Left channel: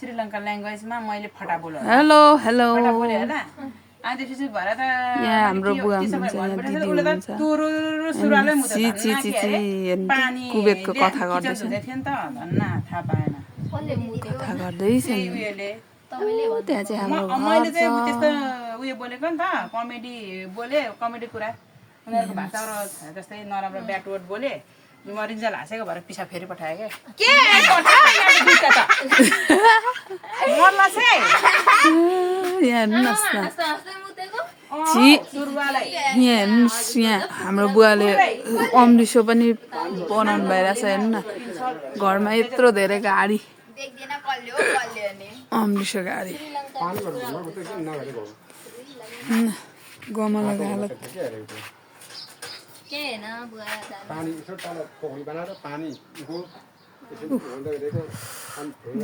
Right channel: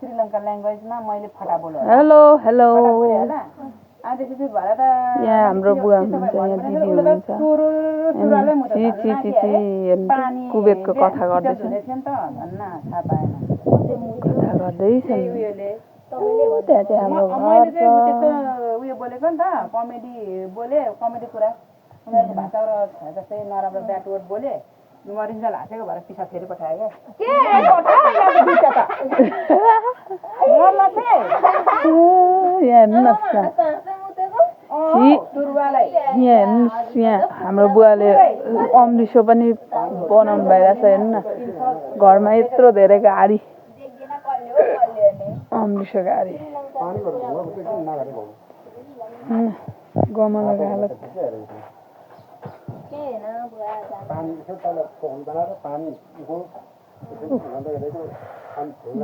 श्रीलंका ल्याङ्ग्वेजमा मैले फटा बोल्यो हेलो हेलो फटा बोल्यो होला अनि त्यसपछि भरे त यहाँ हाम्रो बुवा हुनुहुन्छ यहाँ दिदी हुनुहुन्छ ची ची ची ची कुवेतको कथा गर्दैछ थियो नि त भन्न थाहा पाएन कथा गर्दैछ त्यहाँ चाहिँ हाम्रो मैले चाहिँ त्यस्तो उयो बोलेको नि त कमेडी बोले कमेडी कुरा उनीहरूको भाषाबाट जस्तै नराम्रो ब्याड वर्ड बोले मरिन्जेल हाँसेको भएर पिसा फेरि पठायो क्या हेर्नुहोस् यहाँ हाम्रो बुवाले अम्लिसो पनि बनाउनु भइरहेछ हेर्नु न घरमा यत्रो धेरै गाडी अम्लिसो गाडी गमलाको हालत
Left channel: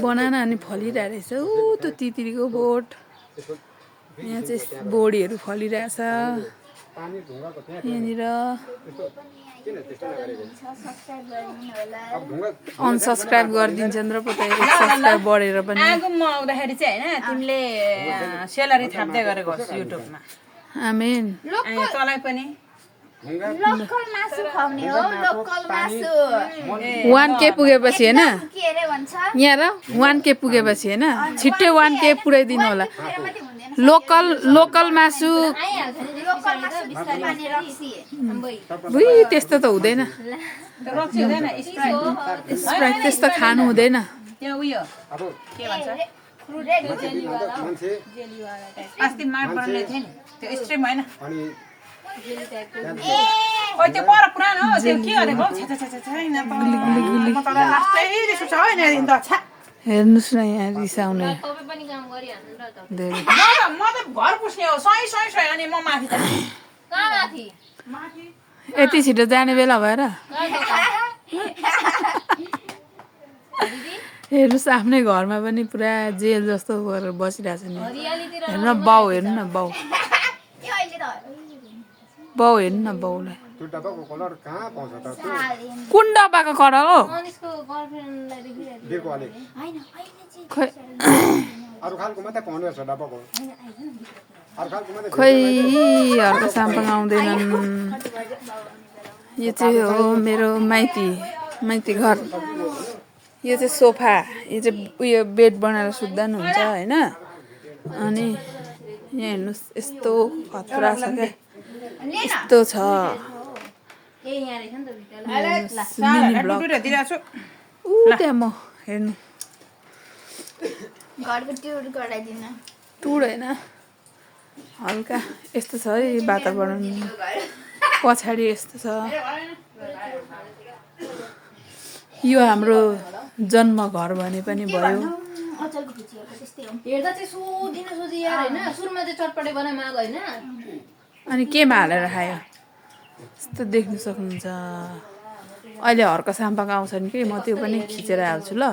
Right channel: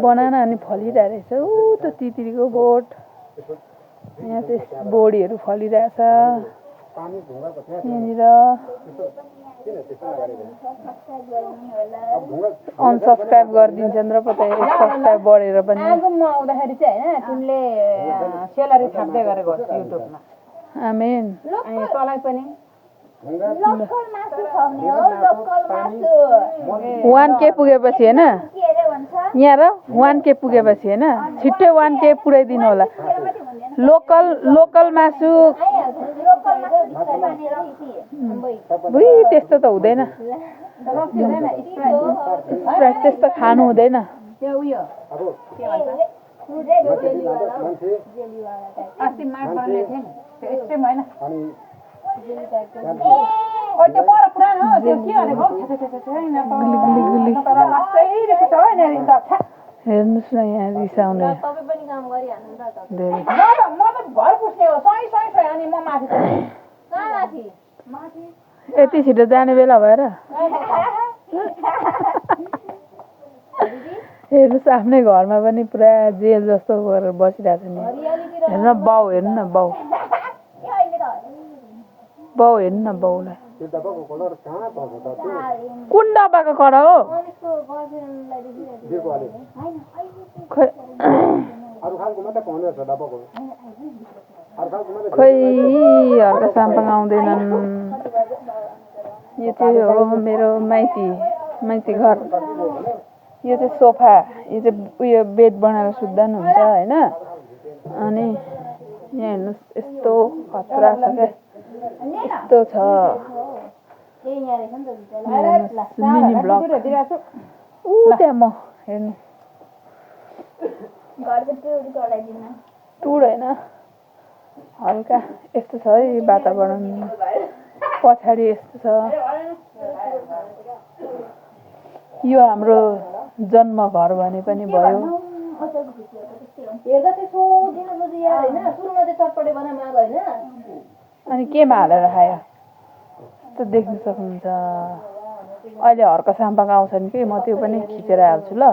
बनाना अनि फलिरहेको रहेछ ऊ त्यो तितिरीको बोट यहाँ चाहिँ बोडीहरू फलिरहेछ यहाँनिर अनसब्सक्राइब गरिदिन्छन् र पता सब्सक्राइब बढेर पनि आगो म आउँदाखेरि चाहिँ हैन तिमीले सेलरी थाप्दै गरेको होस् युट्युबमा आमेन तँलाई पनि लोकल मासु खुवाउने हो लोकल मासु 1K पुगेपछि हैन यहाँ र 1K पुगेपछि हैन छिट्टै 1K पुर्याइदिनु होला लोकल मासु बुइ त्यस्तो त हुँदैन स्प्राइट त्यस्तो खानु हुँदैन त्यो उयो के भन्छ अस्ति माड बनाउने थियो नि त्यो स्ट्रिम हैन ओइ त्यो पर पुरानो हो त्यो के गरेको छैन त तर लास्टै देख्छु छ हैन त छ हेर्नुस् न यहाँ रिसाउने तपाई पनि काम गरिहाल्नु र त म त घर पुस्ने हो सही अनि म माथि कहाँ माथि यति छिटो जाने बेला भएर हेर्नुस् आफ्नै घरमा पनि पुरा जेल जस्तो गरेर बसिरहेछ नि हेर्नु बाउ हेर्नु न बाउ बाउ हेर्नु न बाउलाई कुन डब्बाको कलर हो खोइ हर्का साम्पाङ आउँदैनन् यो चाहिँ हो मेरो माइती घर यो चाहिँ सोफा यो चाहिँ उयो बेड बनाएर सुत्दा नि हुन्छ होइन अनि यहाँ हेर्नुहोस् यस्तो खतरा छ क्या यस्तो छ ऊ त्यहाँ म हेर्नु टुर होइन हल्का यस्तो छ है वातावरण पछाडि यस्तो छ यो हाम्रो जन्म घर भने पनि भयो हेर्दा चाहिँ सोधिनु सोधि यार हैन सुरुमा चाहिँ चटपटे बनाए माग हैन अनि केमा हालेर खायो यस्तो देख्न सक्नुहुन्छ अहिले हर्का साम्पाङ आउँछन् कि म त्यो पनि खिचेर हाल्छु ल